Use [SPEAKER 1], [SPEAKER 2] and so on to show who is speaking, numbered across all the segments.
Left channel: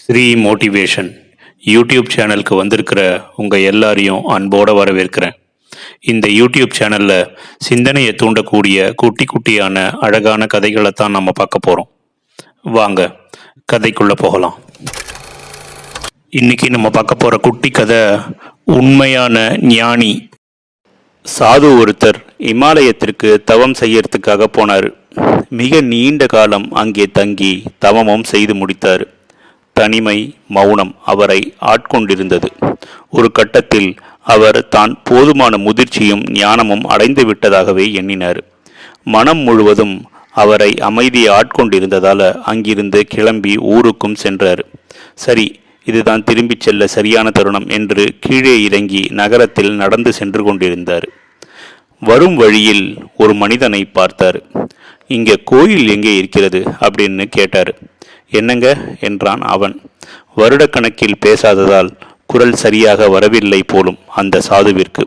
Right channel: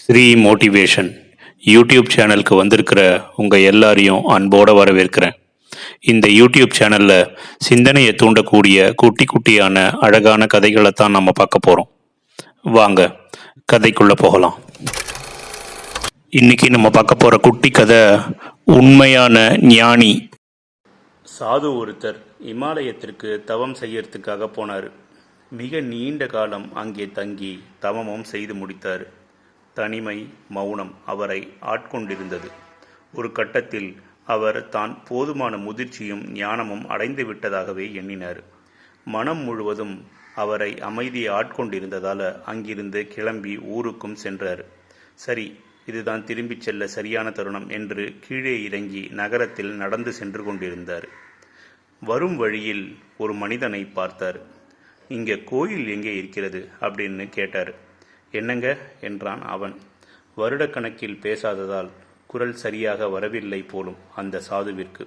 [SPEAKER 1] Sri motivation YouTube சேனலுக்கு வந்திருக்கிற உங்கள் எல்லாரையும் அன்போடு வரவேற்கிறேன். இந்த யூடியூப் சேனலில் சிந்தனையை தூண்டக்கூடிய குட்டி குட்டியான அழகான கதைகளை தான் நம்ம பார்க்க போகிறோம் வாங்க கதைக்குள்ளே போகலாம். இன்னைக்கு நம்ம பார்க்க போகிற குட்டி கதை உண்மையான ஞானி. சாது ஒருத்தர் இமாலயத்திற்கு தவம் செய்யறதுக்காக போனார். மிக நீண்ட காலம் அங்கே தங்கி தவமும் செய்து முடித்தார். தனிமை மௌனம் அவரை ஆட்கொண்டிருந்தது. ஒரு கட்டத்தில் அவர் தான் போதுமான முதிர்ச்சியும் ஞானமும் அடைந்து விட்டதாகவே எண்ணினார். மனம் முழுவதும் அவரை அமைதியை ஆட்கொண்டிருந்ததால் அங்கிருந்து கிளம்பி ஊருக்கும் சென்றார். சரி இதுதான் திரும்பிச் செல்ல சரியான தருணம் என்று கீழே இறங்கி நகரத்தில் நடந்து சென்று கொண்டிருந்தார். வரும் வழியில் ஒரு மனிதனை பார்த்தார். இங்கே கோயில் எங்கே இருக்கிறது? அப்படின்னு கேட்டார். என்னங்க? என்றான் அவன். வருடக்கணக்கில் பேசாததால் குரல் சரியாக வரவில்லை போலும் அந்த சாதுவிற்கு.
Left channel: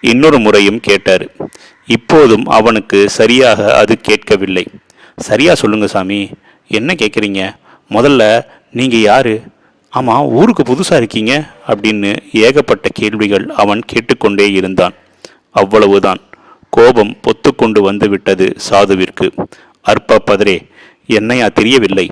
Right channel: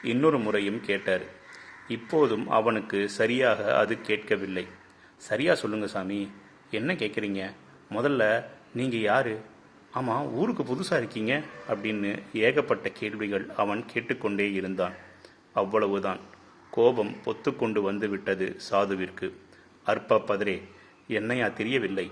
[SPEAKER 1] இன்னொரு முறையும் கேட்டார். இப்போதும் அவனுக்கு சரியாக அது கேட்கவில்லை. சரியா சொல்லுங்க சாமி. என்ன கேட்குறீங்க? முதல்ல நீங்கள் யாரு? ஆமாம் ஊருக்கு புதுசாக இருக்கீங்க? அப்படின்னு ஏகப்பட்ட கேள்விகள் அவன் கேட்டுக்கொண்டே இருந்தான். அவ்வளவுதான். கோபம் பொத்துக்கொண்டு வந்து விட்டது சாதுவிற்கு. அற்ப பதரே என்னையா தெரியவில்லை.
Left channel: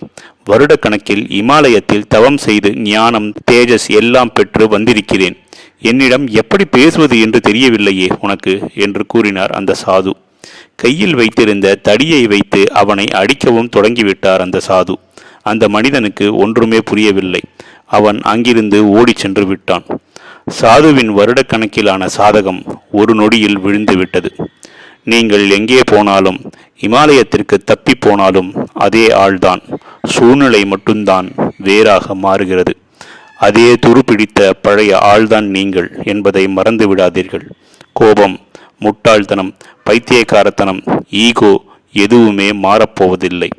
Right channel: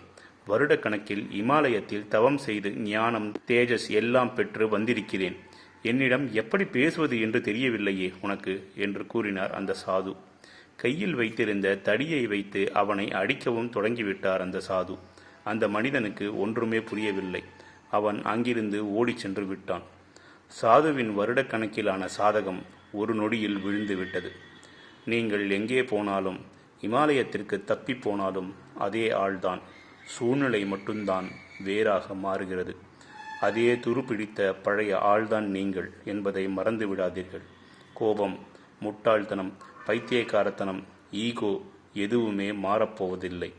[SPEAKER 1] வருடக்கணக்கில் இமாலயத்தில் தவம் செய்து ஞானம் தேஜஸ் எல்லாம் பெற்று வந்திருக்கிறேன். என்னிடம் எப்படி பேசுவது என்று தெரியவில்லையே உனக்கு என்று கூறினார் அந்த சாது. கையில் வைத்திருந்த தடியை வைத்து அவனை அடிக்கவும் தொடங்கிவிட்டார் அந்த சாது. அந்த மனிதனுக்கு ஒன்றுமே புரியவில்லை. அவன் அங்கிருந்து ஓடிச் சென்று விட்டான். சாதுவின் வருடக்கணக்கிலான சாதகம் ஒரு நொடியில் விழுந்து விட்டது நீங்கள் எங்கே போனாலும் இமாலயத்திற்கு தப்பி போனாலும் அதே ஆள்தான். சூழ்நிலை மட்டும்தான் வேறாக மாறுகிறது. அதே துருப்பிடித்த பழைய ஆள்தான் நீங்கள் என்பதை மறந்து விடாதீர்கள். கோபம் முட்டாள்தனம் பைத்தியக்காரத்தனம் ஈகோ எதுவுமே மாறப்போவதில்லை.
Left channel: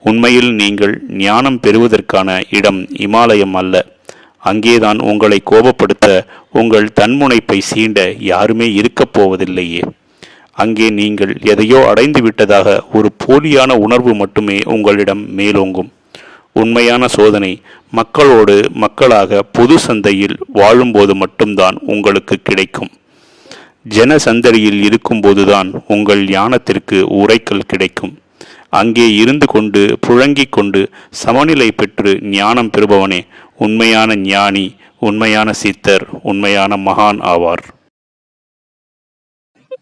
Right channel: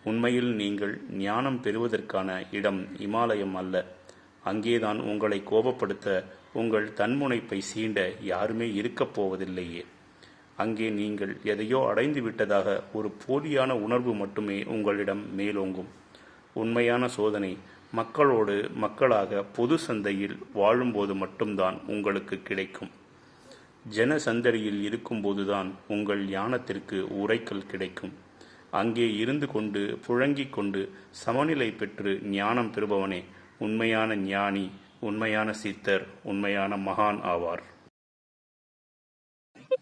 [SPEAKER 1] உண்மையில் நீங்கள் ஞானம் பெறுவதற்கான இடம் இமாலயம் அல்ல. அங்கேதான் உங்களை கோபப்படுத்த உங்கள் தன்முனைப்பை சீண்ட யாருமே இருக்கப் போவதில்லையே. அங்கே நீங்கள் எதையோ அடைந்து விட்டதாக ஒரு போலியான உணர்வு மட்டுமே உங்களிடம் மேலோங்கும். உண்மையான சோதனை மக்களோடு மக்களாக பொது சந்தையில் வாழும்போது மட்டும்தான் உங்களுக்கு கிடைக்கும். ஜன சந்தடியில் இருக்கும்போதுதான் உங்கள் ஞானத்திற்கு உரைக்கல் கிடைக்கும். அங்கே இருந்து கொண்டு புழங்கிக் கொண்டு சமநிலை பெற்று ஞானம் பெறுபவனே உண்மையான ஞானி உண்மையான சித்தர் உண்மையான மகான் ஆவார்.